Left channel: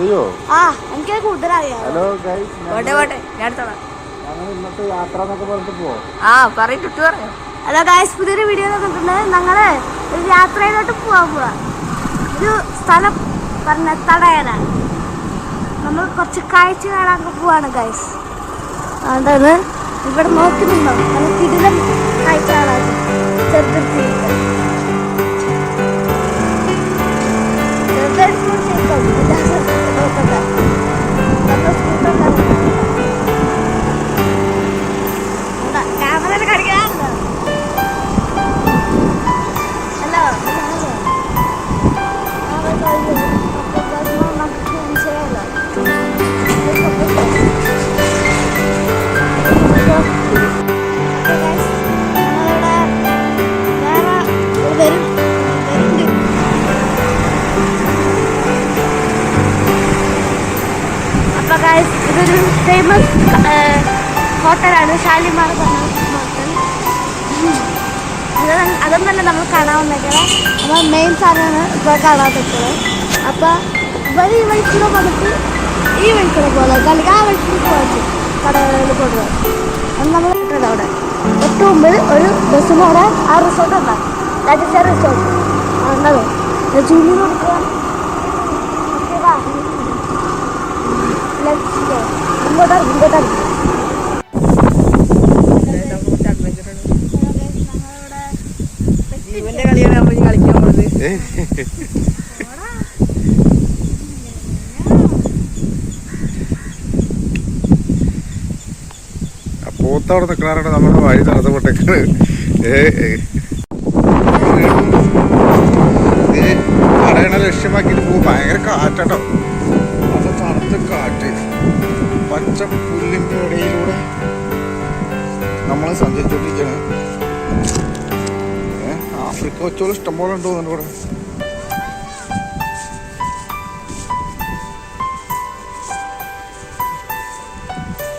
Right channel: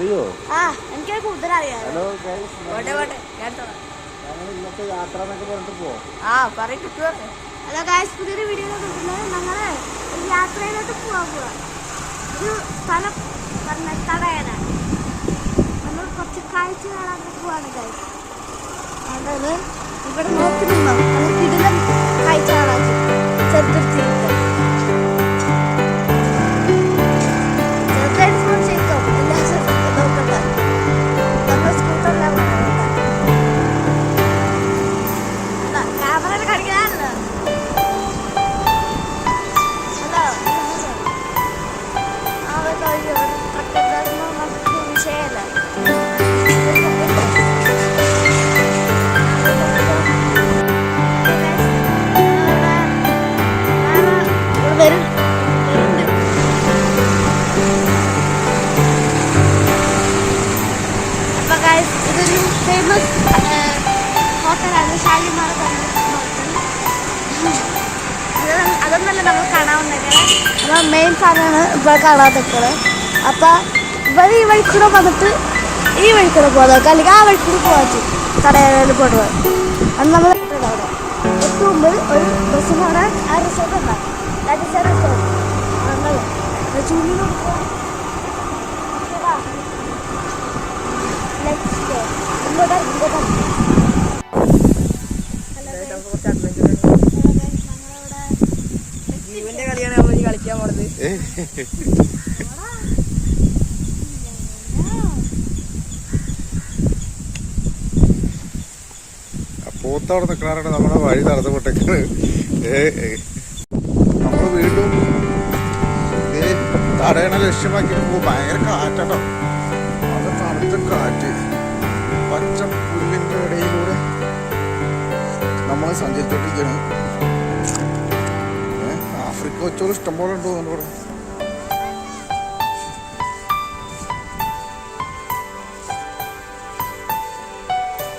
അറിയോ? എനിക്ക് കൂടുതലറിയാം. Hello guys, ഞങ്ങൾ ഇന്നത്തെ യാത്ര എന്നൊക്കെ പറഞ്ഞിട്ട് പോവാം. ഹലോ ഗൈസ്, പുതിയൊരു വീഡിയോ കണ്ടിട്ടുണ്ട്. ഞങ്ങള് ഒരു യാത്രയിലോട്ട് പോവാൻ പോവാ. ഒരു സ്ഥലം പറഞ്ഞ തടയാനാണ്. നമ്മൾ കുറച്ച് കാഴ്ച കാണാൻ പോവാണ് ഗൈസ്. അതുകൊണ്ട് ഇവിടെ നോക്കുന്നുണ്ടോ? നല്ല കിടിലം കാഴ്ച കാണാൻ ചെറുതിരിച്ചിരിക്കുക. ചെറുതായിട്ട് ഫോൺ ചെയ്തോ, എല്ലാ സ്ഥലത്തും നോക്കണ്ട. നമ്മൾ സ്കൂട്ടറിലാണ് ക്യാമറ കാണിക്കാറില്ല. ഹലോ നമുക്ക് വിഷയമല്ല. അപ്പൊ ഗൈസ്, ഇതൊരു ഫേമസ് ഹോട്ടലാണ്, ഷാലിമാർ പറഞ്ഞ ഹോട്ടൽ. അതൊന്നല്ല നമ്മൾ കാണാവുന്നത്, നമ്മൾ മെയിൻ സാധനമാണ് ഇപ്പോൾ കാണാൻ പറ്റുന്നത്. അപ്പം ഇവർ ഈ വഴിക്കൂടെ വന്നിട്ട് ഈ വഴിക്കൂടെ പോകുന്നത്, അല്ലെങ്കിൽ ആ വഴിക്കൂടെ പോകാൻ കടയിൽ പോകുന്നത്. അത് നമ്മൾ കിട്ടുന്നത് അവിടെ ഒട്ടു മുമ്പ് ഒരു ബസ്സിനോടെ ആ റിസോർട്ട് ഉണ്ടാകും. ലഗിച്ച റിസോർട്ട് ഉണ്ടാവും. ചുഴി കൊടുക്കുക. ഇങ്ങോട്ടാണ് ജീവന്റെ കളിയാണ് നമ്മൾ കളിക്കാൻ പോകുന്നത്. പോത്തവിടെ നിൽക്കണാരുടെ നമ്മുടെ വഴി തടസ്സപ്പെട്ടേക്കാണ്. അടയണ ലക്ഷ്യമാക്കിയിട്ട് പോകും. ഭയങ്കര കാറ്റാട്ടോ, അത് കറുത്ത കാറ്റ്. പച്ച പുല്ലിൻ്റെ ഇടയിലൂടെ നമ്മൾ സഞ്ചരിച്ചോണ്ടിരിക്കുകയാണ്. ആഫ്രിക്ക വെച്ചോളം ഇഷ്ടംപോലെ ഉണ്ടോ എൻ്റെ ഇവിടെ.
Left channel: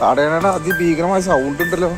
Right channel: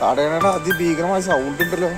തടയണയുടെ അതിഭീകരമായ സൗണ്ട് ഉണ്ടല്ലോ.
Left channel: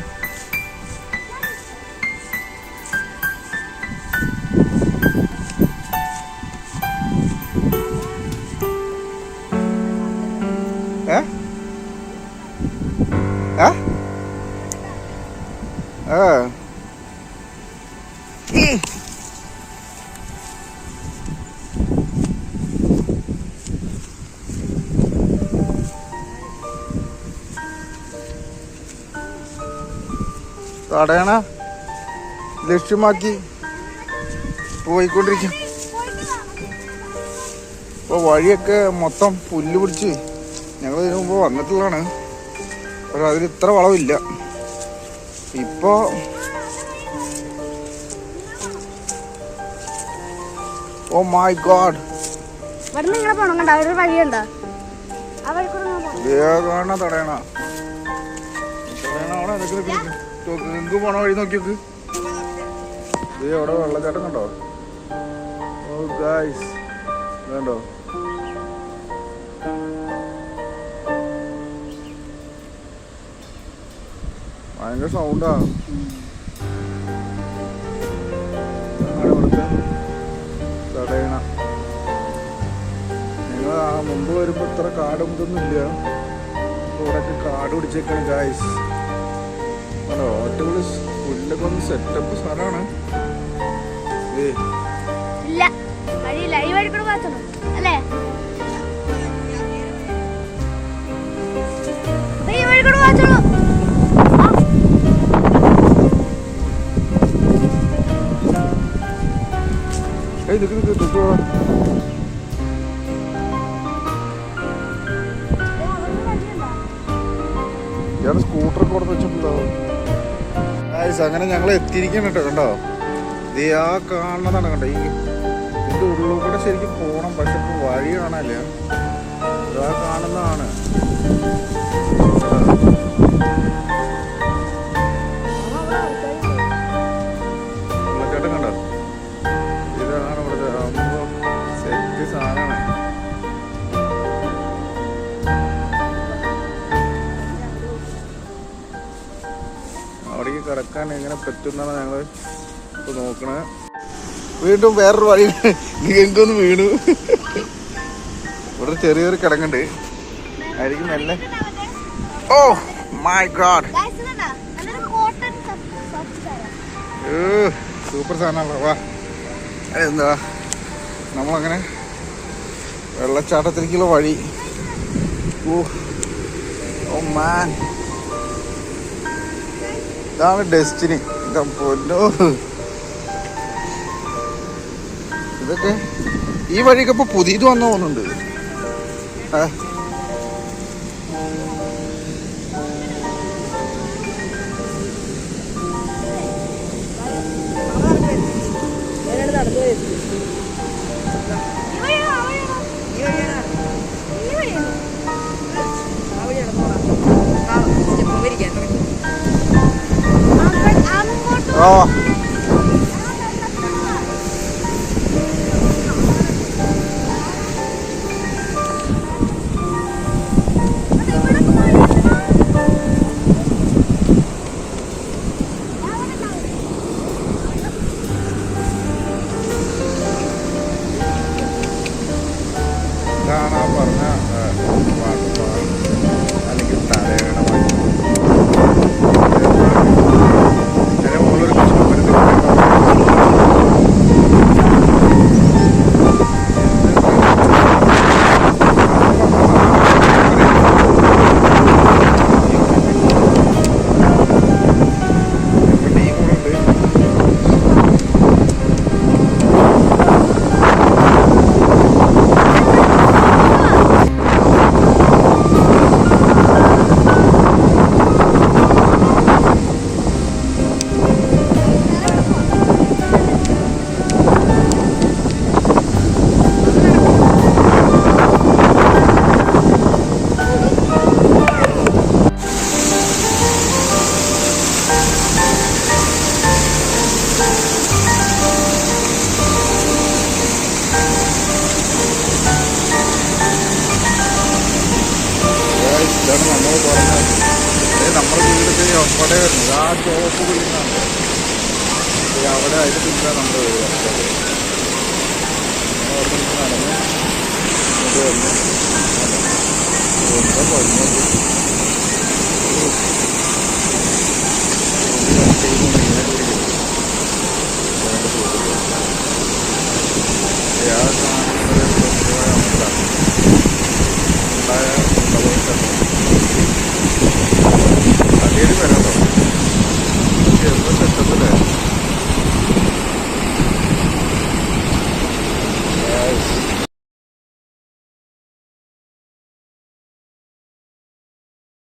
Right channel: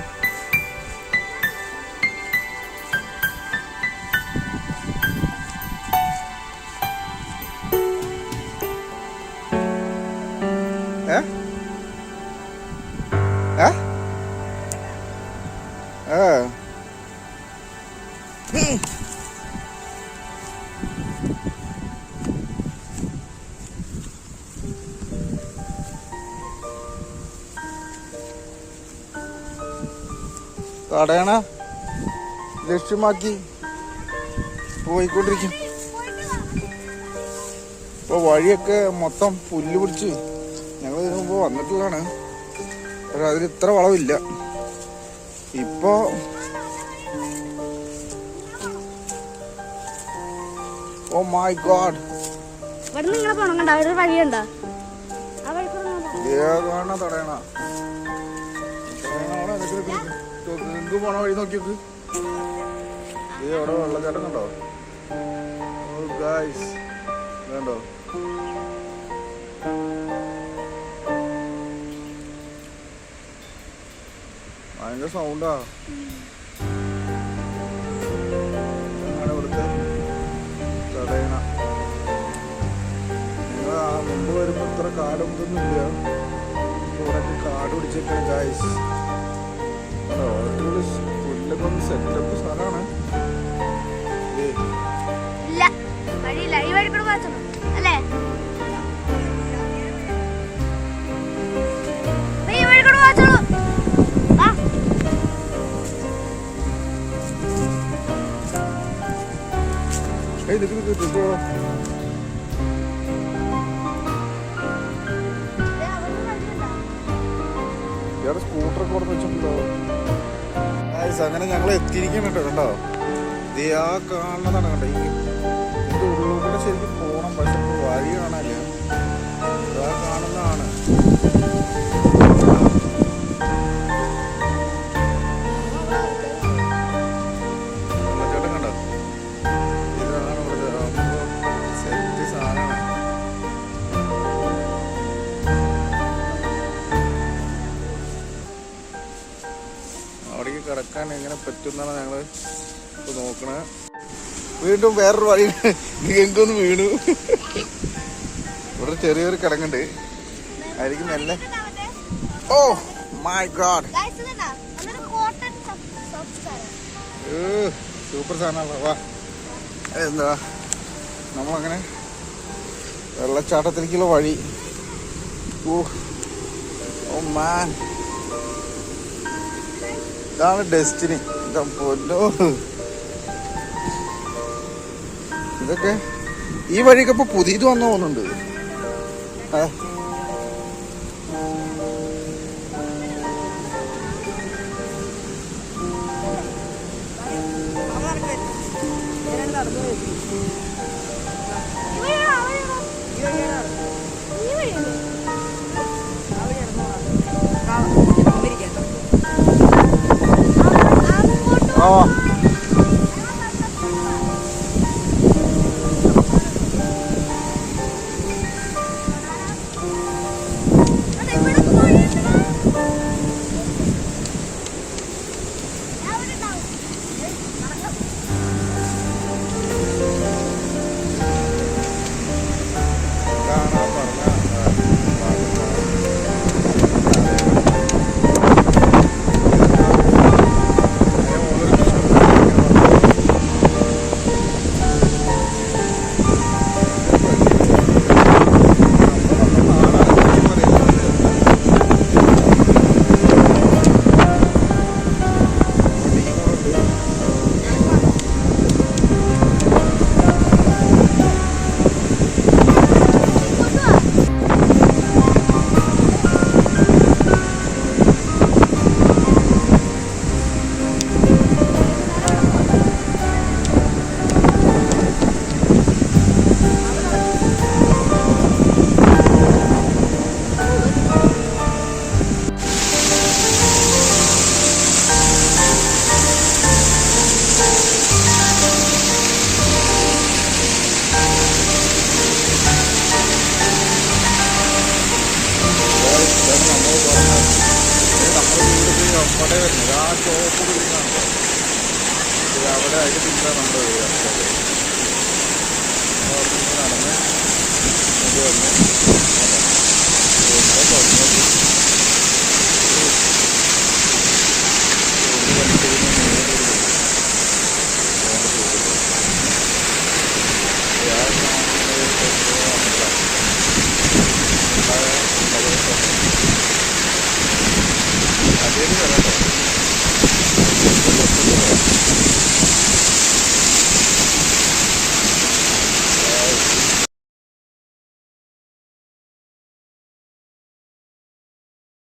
തടയണ ലക്ഷ്യമാക്കി പോയിക്കൊണ്ടിരിക്കും. ഇപ്പോൾ വഴിയൊക്കെ മൊത്തം പുല്ല് പിടിച്ച് ഞങ്ങൾ ഇതിനു മുമ്പ് വന്നിട്ടുള്ളതാണ്. പക്ഷെ അതിന് ഇത്ര വളവില്ല. ഇപ്പോ ഓ മൈ ഗോഡ്, വേഗമാണ് തടയണ. അവിടെ നിങ്ങൾക്ക് പോണ വഴി നോക്കിയൊക്കെ അവിടെ വെള്ളച്ചാട്ടം കണ്ടോ? ഓ ഗൈസ്, വേണ്ടോ? ഭയങ്കര സൗണ്ടാ. ഇവിടുത്തെ തടയണ. നിങ്ങൾ ആ മുമ്പ് വരുമ്പോ ഇത്ര കാടും ഇതൊന്നും ഇല്ല. ഇവിടെയൊക്കെ കാട് പിടിച്ചേക്കാണ് ഗൈസ്. അടിപൊളി പുല്ലൊക്കെ ഒന്ന് സെറ്റപ്പ് സാധനമാണ്. ഞാൻ സ്കൂട്ടറൊക്കെ കൊടുത്ത് വെച്ചിട്ടുണ്ടാവും. അങ്ങനെ ഞങ്ങൾ എത്തിയിരിക്കണം കേട്ടോ. കണ്ടോ, ഇത് ആ കാണുന്നതാണ്. കണ്ടോ, ഇതിന്റെ ഉള്ളിൽ കൂടെ ശരിക്കും പോകണം. പക്ഷെ ഇപ്പോൾ വഴി കാണാനില്ല. ഇതാ കാണുന്നതാണ്. വെള്ളച്ചാട്ടം കണ്ടോ, ഇതാണ് ഇവിടുത്തെ സെറ്റ് സാധനമാണ്. അവിടേക്ക് കിടക്കാൻ എങ്ങനെ പറ്റുന്നാണ് ഞങ്ങൾ ഇപ്പൊ നോക്കണത്. വീണ്ടും വേറൊരു വഴി എനിക്കൊന്ന് വീണു. ഇവിടെ ചെറിയൊരു കിടങ്ങുണ്ട്, ആയിരിക്കും മെല്ലെ. ഓ മൈ ഗോഡ്, സൂപ്പർ സാധനമാണല്ലോ. വാ, എന്താ നമ്മളങ്ങനെ വെള്ളച്ചാട്ടത്തിലേക്കുള്ള വഴി. ഓ മാൻ, ഇതാണ് ഡെസ്റ്റിനി. പൊന്നോ, ഇതൊക്കെ ഈ വഴിയൊക്കെ ഇപ്പൊ പുതിയത് വന്നു തോന്നുന്നുണ്ട്. ഓ ഇതാണ് ആ പറഞ്ഞ അല്ലെങ്കിൽ തലയുടെ മുകളിലൊരു ഇതാണ് നമ്മൾ പറഞ്ഞത്. നമ്മുടെ വീട് അവിടെ വരുന്നത് ആ ചോപ്പ് ബിൽഡിംഗ് ആണല്ലോ, അവിടെ അതിന് പിന്നെ നമ്മുടെ വീട്. അവിടെ നിങ്ങൾ നടന്ന് ഇങ്ങോട്ട് വന്ന്